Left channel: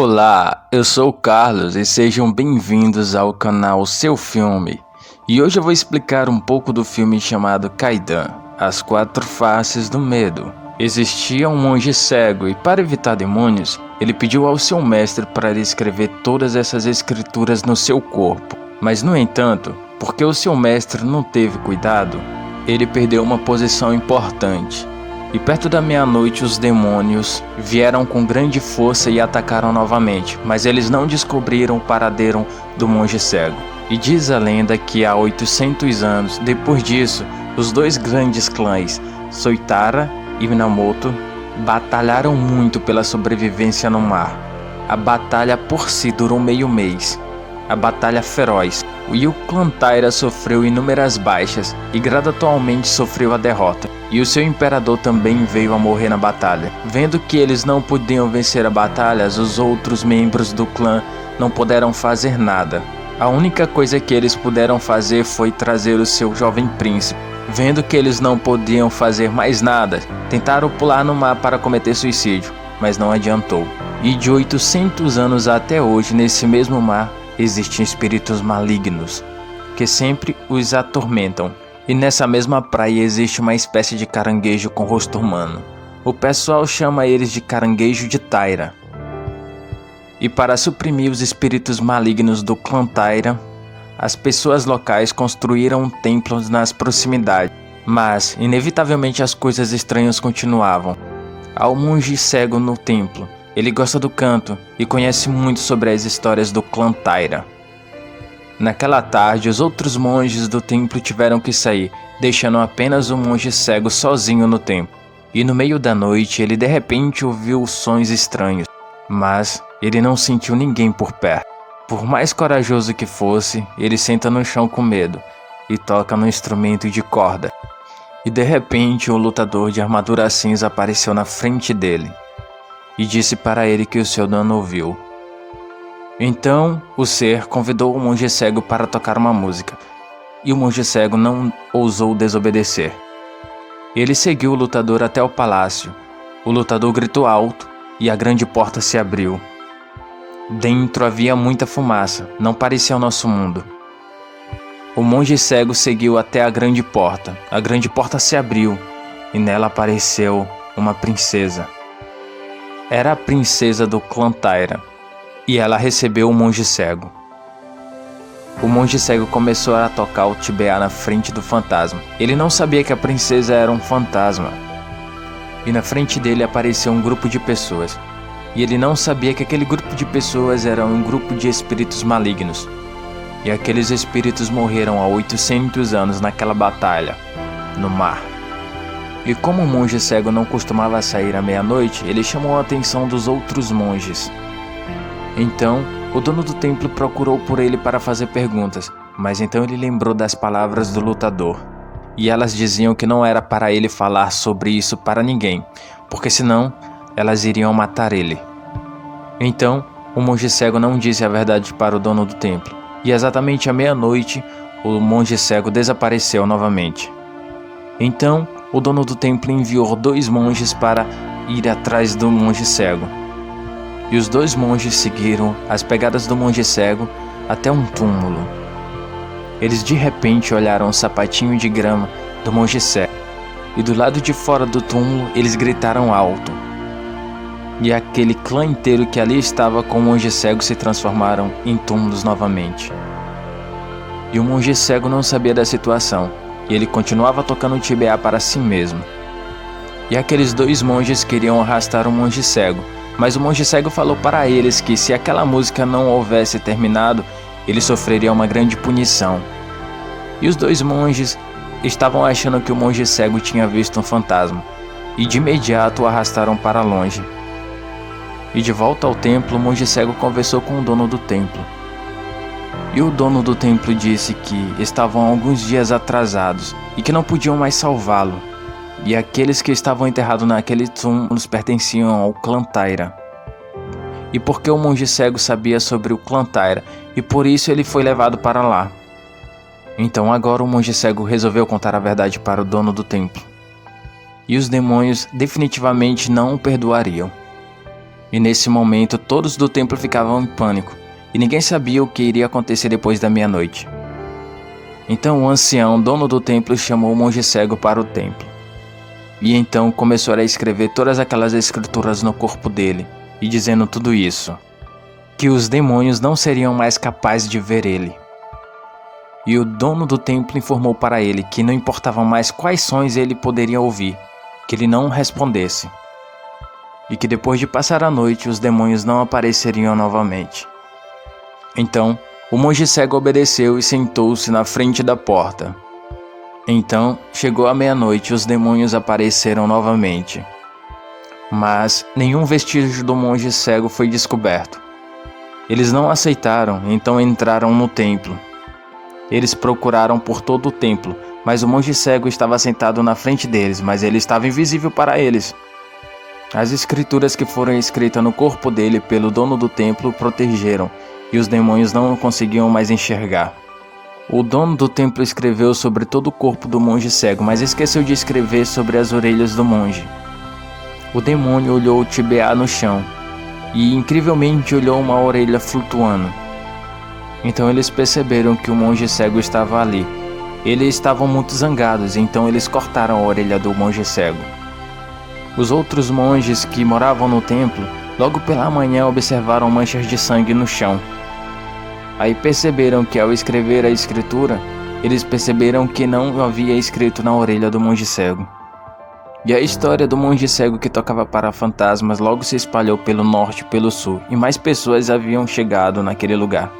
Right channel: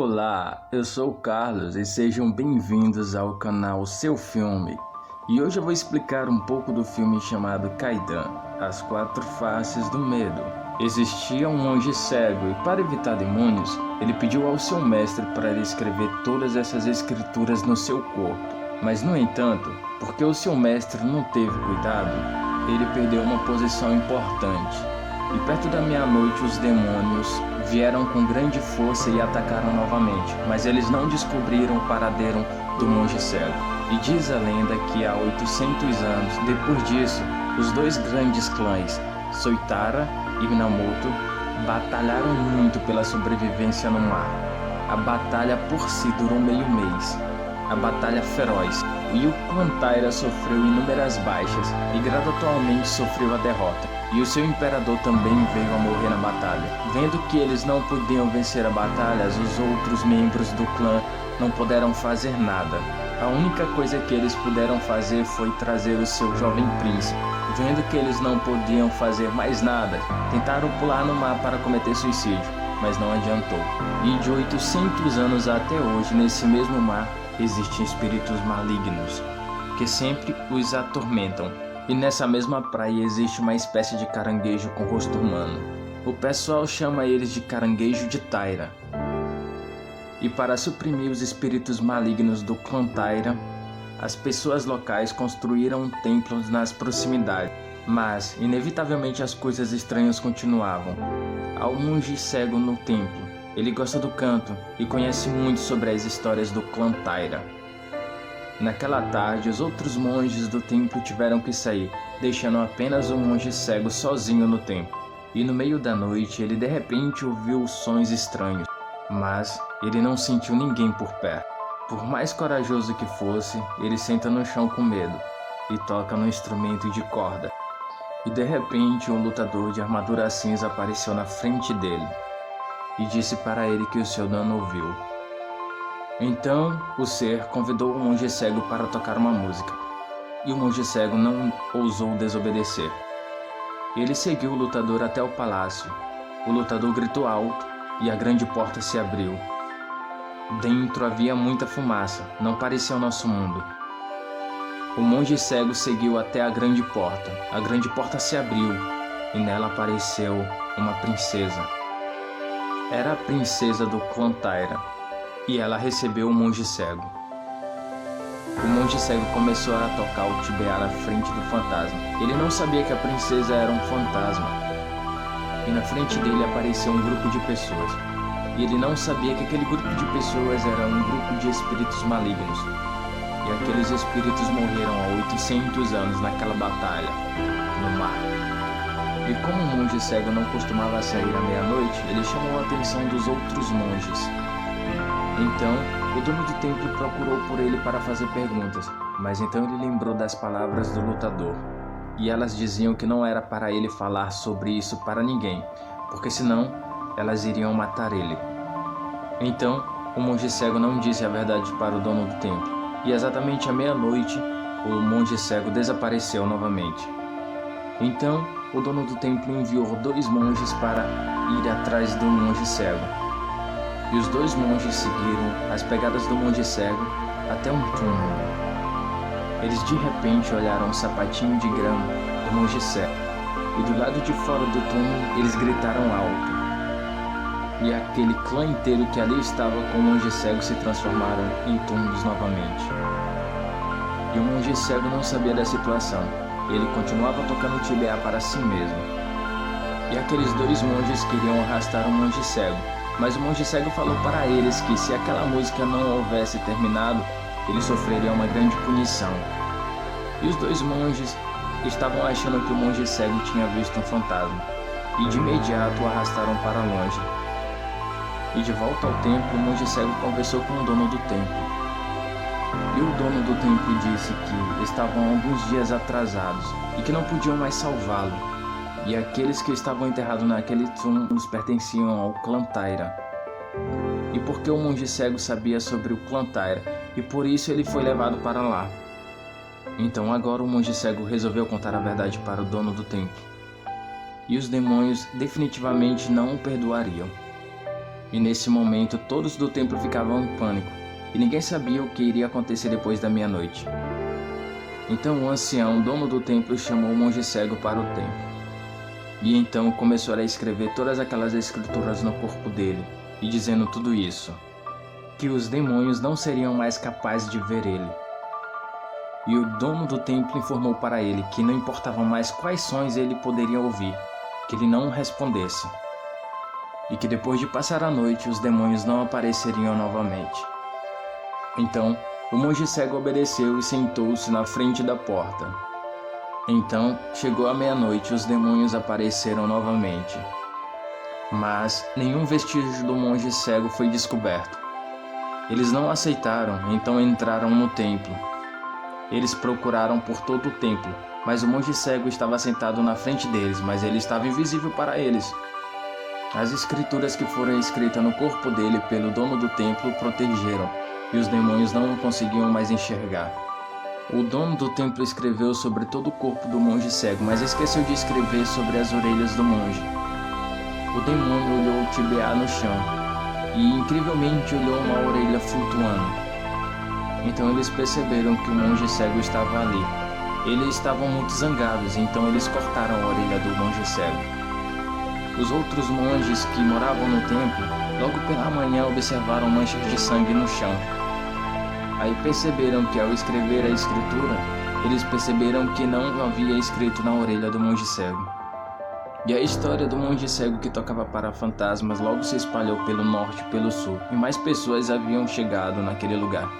Olá, eu sou o Carlos e sejam bem-vindos ao canal Seu Filme. E hoje eu vou explicar um pouco do filme chamado Kaidan, As Quatro Faces do Medo. Existia um monge cego e, para evitar demônios, ele pediu ao seu mestre para lhe escrever todas essas escrituras no seu corpo. Mas, no entanto, porque o seu mestre não teve cuidado, ele perdeu uma posição importante. E perto da meia-noite os demônios vieram com grande força e atacaram novamente, mas eles não descobriram o paradeiro do monge cego. E diz a lenda que há 800 anos, depois disso, os dois grandes clãs, Soitara e Minamoto, batalharam muito pela sobrevivência no mar. A batalha por si durou meio mês, a batalha feroz, e o clã Taira sofreu inúmeras baixas e gradualmente sofreu a derrota. E o seu imperador também veio a morrer na batalha. Vendo que eles não podiam vencer a batalha, os outros membros do clã não puderam fazer nada. A única coisa que eles puderam fazer foi trazer o seu jovem príncipe. Vendo que eles não podiam fazer mais nada, tentaram pular no mar para cometer suicídio, mas não adiantou. E de 800 anos até hoje, nesse mesmo mar, existem espíritos malignos, que sempre os atormentam. E nessa mesma praia existe uma espécie de caranguejo com rosto humano. O pessoal chama eles de caranguejo de Taira. E para suprimir os espíritos malignos do clã Taira, as pessoas locais construíram templos nas proximidades. Mas, inevitavelmente, as coisas estranhas continuavam. Há um monge cego no templo. Ele gosta do canto e conhece muito sobre as histórias do clã Taira. Naquela tarde, os outros monges do templo tiveram que sair, deixando apenas o monge cego sozinho no templo. E no meio da noite, ele de repente ouviu sons estranhos, mas ele não sentiu ninguém por perto. Por mais corajoso que fosse, ele senta no chão com medo e toca no instrumento de corda. E de repente, um lutador de armadura cinza apareceu na frente dele e disse para ele que o seu dono ouviu. Então, o ser convidou o monge cego para tocar uma música, e o monge cego não ousou desobedecer. Ele seguiu o lutador até o palácio. O lutador gritou alto, e a grande porta se abriu. Dentro havia muita fumaça, não parecia o nosso mundo. O monge cego seguiu até a grande porta se abriu, e nela apareceu uma princesa. Era a princesa do clã Taira. E ela recebeu o monge cego. O monge cego começou a tocar o tibeá na frente do fantasma. Ele não sabia que a princesa era um fantasma. E na frente dele apareceu um grupo de pessoas. E ele não sabia que aquele grupo de pessoas era um grupo de espíritos malignos. E aqueles espíritos morreram há 800 anos naquela batalha, no mar. E como o monge cego não costumava sair à meia-noite, ele chamou a atenção dos outros monges. Então, o dono do templo procurou por ele para fazer perguntas, mas então ele lembrou das palavras do lutador. E elas diziam que não era para ele falar sobre isso para ninguém, porque senão elas iriam matar ele. Então, o monge cego não disse a verdade para o dono do templo, e exatamente à meia-noite, o monge cego desapareceu novamente. Então, o dono do templo enviou 2 monges para ir atrás do monge cego. E os 2 monges seguiram as pegadas do monge cego até um túmulo. Eles de repente olharam o sapatinho de grama do monge cego. E do lado de fora do túmulo eles gritaram alto. E aquele clã inteiro que ali estava com o monge cego se transformaram em túmulos novamente. E o monge cego não sabia da situação. E ele continuava tocando o tibeá para si mesmo. E aqueles 2 monges queriam arrastar o monge cego. Mas o monge cego falou para eles que se aquela música não houvesse terminado, ele sofreria uma grande punição. E os 2 monges estavam achando que o monge cego tinha visto um fantasma, e de imediato o arrastaram para longe. E de volta ao templo, o monge cego conversou com o dono do templo. E o dono do templo disse que estavam alguns dias atrasados e que não podiam mais salvá-lo. E aqueles que estavam enterrados naquele túmulo pertenciam ao clã Taira. E porque o monge cego sabia sobre o clã Taira, e por isso ele foi levado para lá. Então agora o monge cego resolveu contar a verdade para o dono do templo. E os demônios definitivamente não o perdoariam. E nesse momento todos do templo ficavam em pânico, e ninguém sabia o que iria acontecer depois da meia-noite. Então o ancião, dono do templo, chamou o monge cego para o templo. E então começou a escrever todas aquelas escrituras no corpo dele, e dizendo tudo isso, que os demônios não seriam mais capazes de ver ele. E o dono do templo informou para ele que não importavam mais quais sons ele poderia ouvir, que ele não respondesse. E que depois de passar a noite os demônios não apareceriam novamente. Então, o monge cego obedeceu e sentou-se na frente da porta. Então, chegou a meia-noite e os demônios apareceram novamente. Mas nenhum vestígio do monge cego foi descoberto. Eles não aceitaram, então entraram no templo. Eles procuraram por todo o templo, mas o monge cego estava sentado na frente deles, mas ele estava invisível para eles. As escrituras que foram escritas no corpo dele pelo dono do templo o protegeram, e os demônios não o conseguiam mais enxergar. O dono do templo escreveu sobre todo o corpo do monge cego, mas esqueceu de escrever sobre as orelhas do monge. O demônio olhou o Tibeá no chão, e incrivelmente olhou uma orelha flutuando. Então eles perceberam que o monge cego estava ali. Eles estavam muito zangados, então eles cortaram a orelha do monge cego. Os outros monges que moravam no templo, logo pela manhã observaram manchas de sangue no chão. Aí perceberam que ao escrever a escritura, eles perceberam que não havia escrito na orelha do monge cego. E a história do monge cego que tocava para fantasmas logo se espalhou pelo norte e pelo sul, e mais pessoas haviam chegado naquele lugar.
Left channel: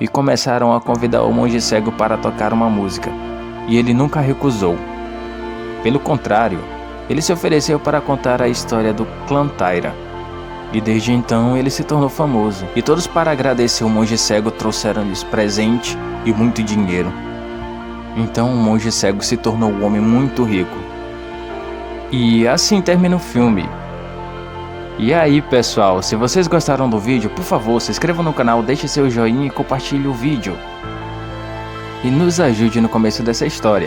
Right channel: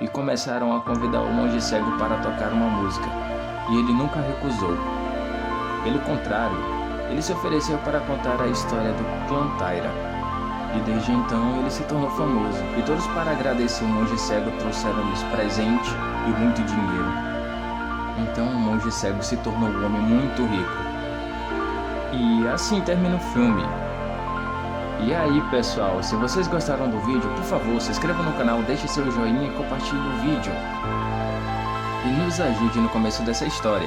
E começaram a convidar o monge cego para tocar uma música, e ele nunca recusou. Pelo contrário, ele se ofereceu para contar a história do clã Taira. E desde então ele se tornou famoso, e todos para agradecer o monge cego trouxeram-lhes presente e muito dinheiro. Então o monge cego se tornou um homem muito rico. E assim termina o filme. E aí pessoal, se vocês gostaram do vídeo, por favor se inscreva no canal, deixe seu joinha e compartilhe o vídeo. E nos ajude no começo dessa história.